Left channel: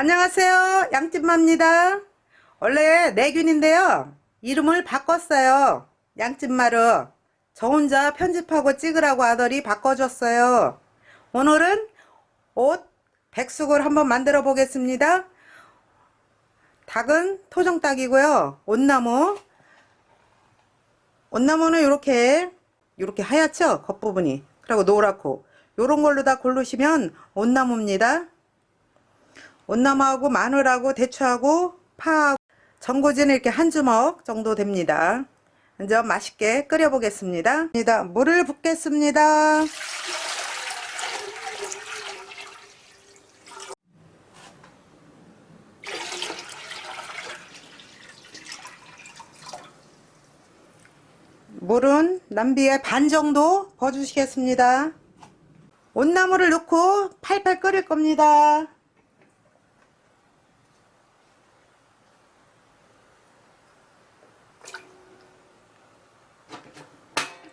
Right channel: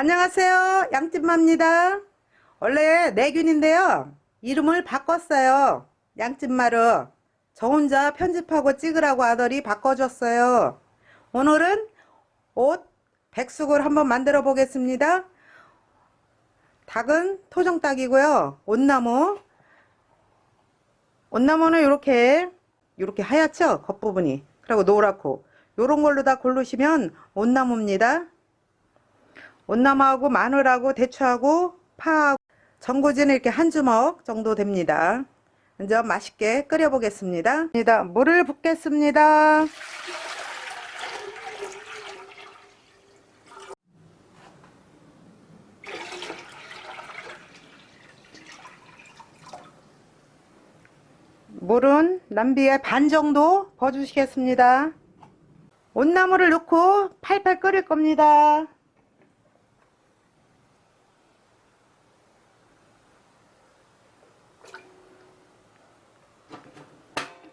안녕하세요. 양찐마입니다. 원래 내균인데요. 이름을 바꿨어요. 양찐마로. 저 혼자 편집하고 찍으라고 하더니 바꿔줬어요. 오늘은 옷 백숙을 한번 만들어 보겠습니다. 닭은 토종닭이고요. 온나무. 온나무는 이렇게 이렇게 하얗죠? 겉부분이. 그리고 노랗고. 요런 걸로 다 고르시면 온나무입니다. 온나무하고 마늘하고 대추하고 파하고 전구지는 이렇게 한 주먹 정도 됩니다. 먼저 맛있게 끓여 보겠습니다. 물을 붓겠습니다. 물은 남비의 반 정도 버주시겠습니다. 온나무를 넣고 팔팔 끓일 겁니다.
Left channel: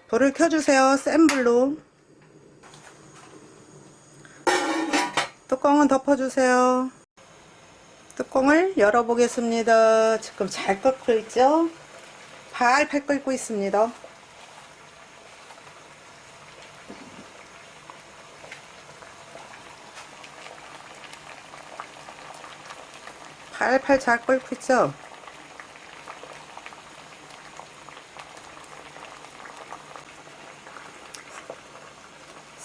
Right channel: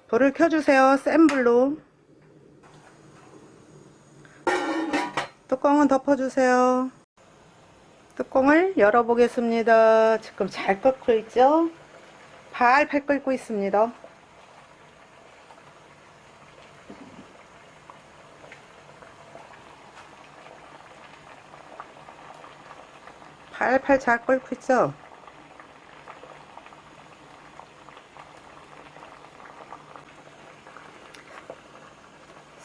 불을 켜주세요. 센 불로. 뚜껑은 덮어주세요. 뚜껑을 열어보겠습니다. 지금 잘 끓고 있죠? 팔팔 끓고 있습니다. 팔팔 잘 끓고 있죠?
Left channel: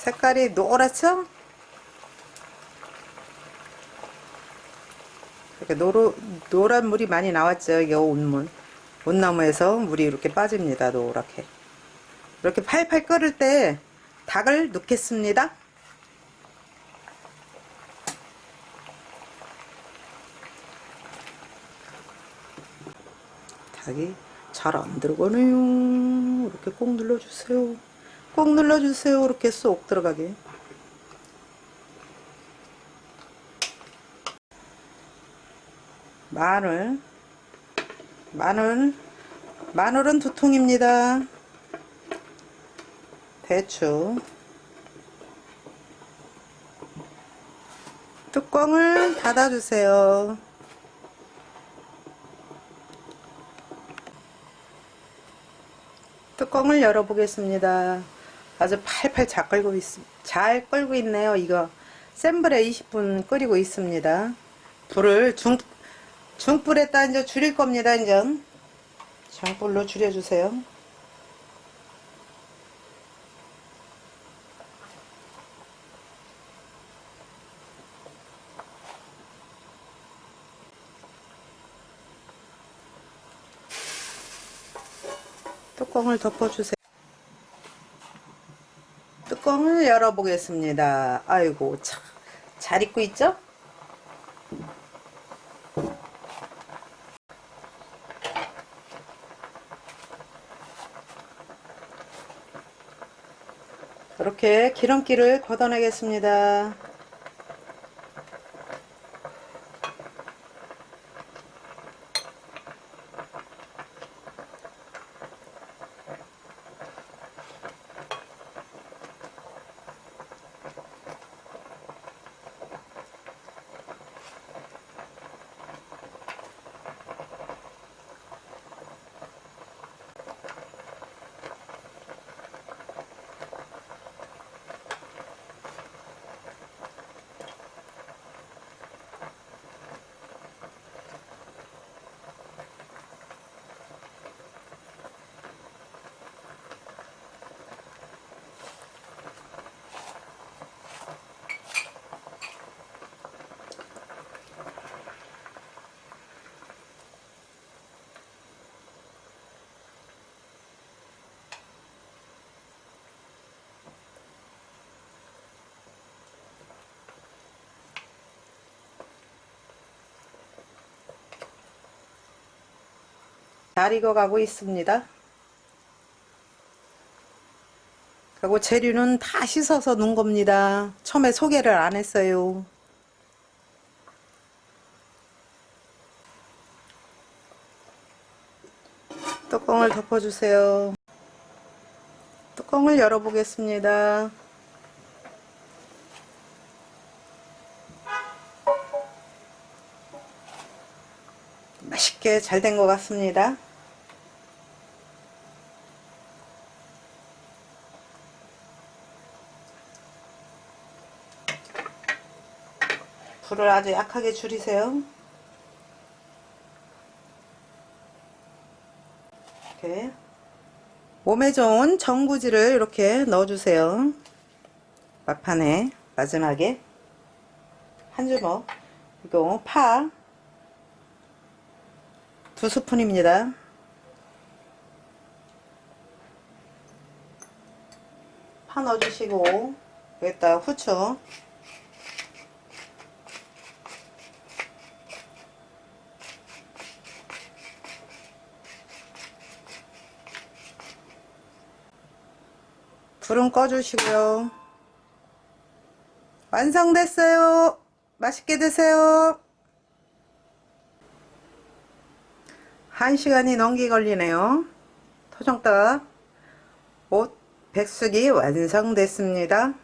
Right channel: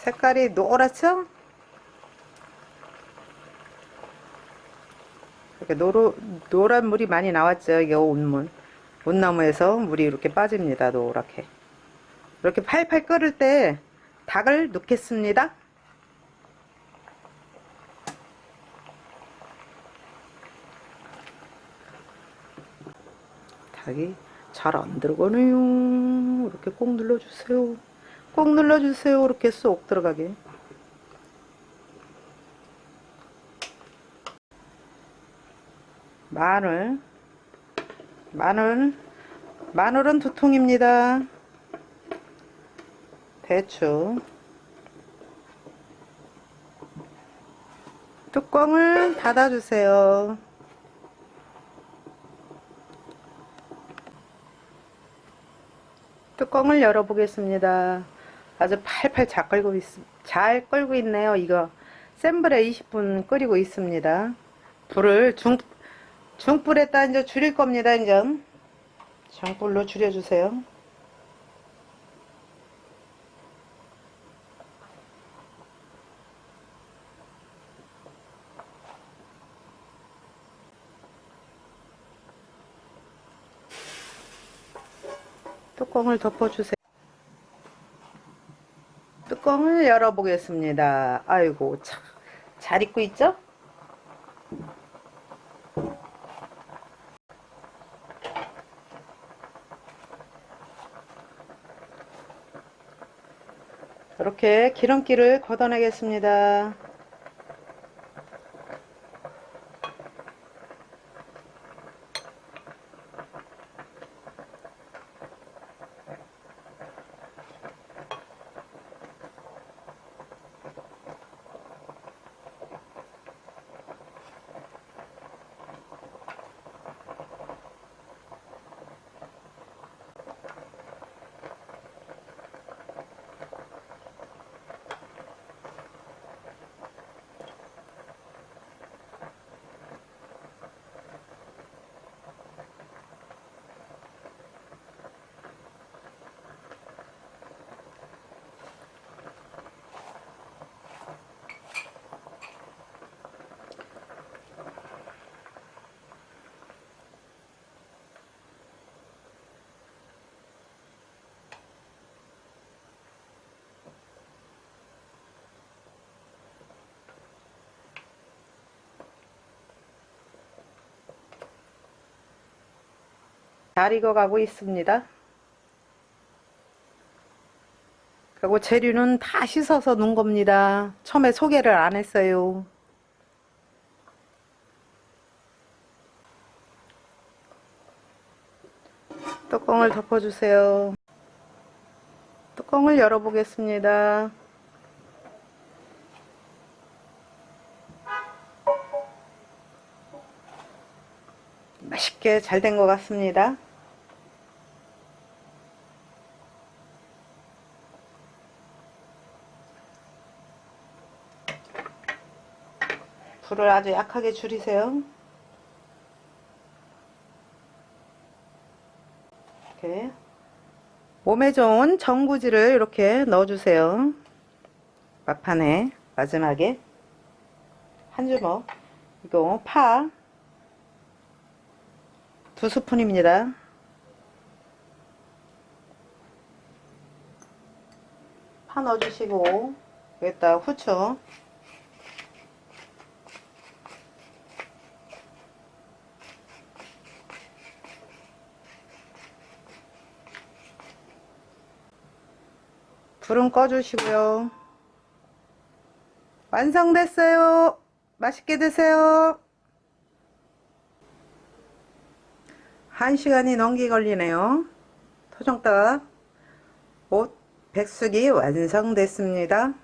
색깔이 노랗죠? 이렇게 노로, 노란 물이 많이 나왔죠. 이게 온물. 온나무에서 물이 이렇게 빠집니다. 노랗게. 이렇게 팔팔 끓을 때 닭을 넣겠습니다. 닭이 잘 안 들어가네요. 이렇게 꼭 눌러주세요. 꼭 눌러주세요. 이렇게 쏙 들어가게. 마늘. 마늘. 마늘은 두 통입니다. 대추. 뚜껑을 닫아주세요. 뚜껑을 열어보겠습니다. 아주 팔팔 잘 끓고 있, 잘 끓고 있네요. 이거 센 불에 20분 끓이고 있습니다. 불을 중, 중불에다 이제 줄일 겁니다. 이제 중불로 줄여주세요. 뚜껑을 덮어주세요. 뚜껑을 열어보겠습니다. 아이고, 참, 잘 익고 있죠? 이렇게 기름기를 걷어내겠습니다. 잘 익어가고 있습니다. 그리고 재료는 다 씻어서 놓은 겁니다. 처음에 소개를 안 했어요. 뚜껑을 덮어주세요. 뚜껑을 열어보겠습니다. 맛있게 잘 된 것 같습니다. 불을 아주 약하게 줄이세요. 이렇게 몸에 좋은 전구지를 이렇게 넣어주세요. 막판에 마지막에 한 주먹 이거 파 두 스푼입니다. 파 넣어주시고 여기다 후추 불은 꺼주시고요. 완성됐어요. 맛있게 드세요. 한 시간이 넘게 걸리네요. 토종닭 옷 백숙이 완성됐습니다.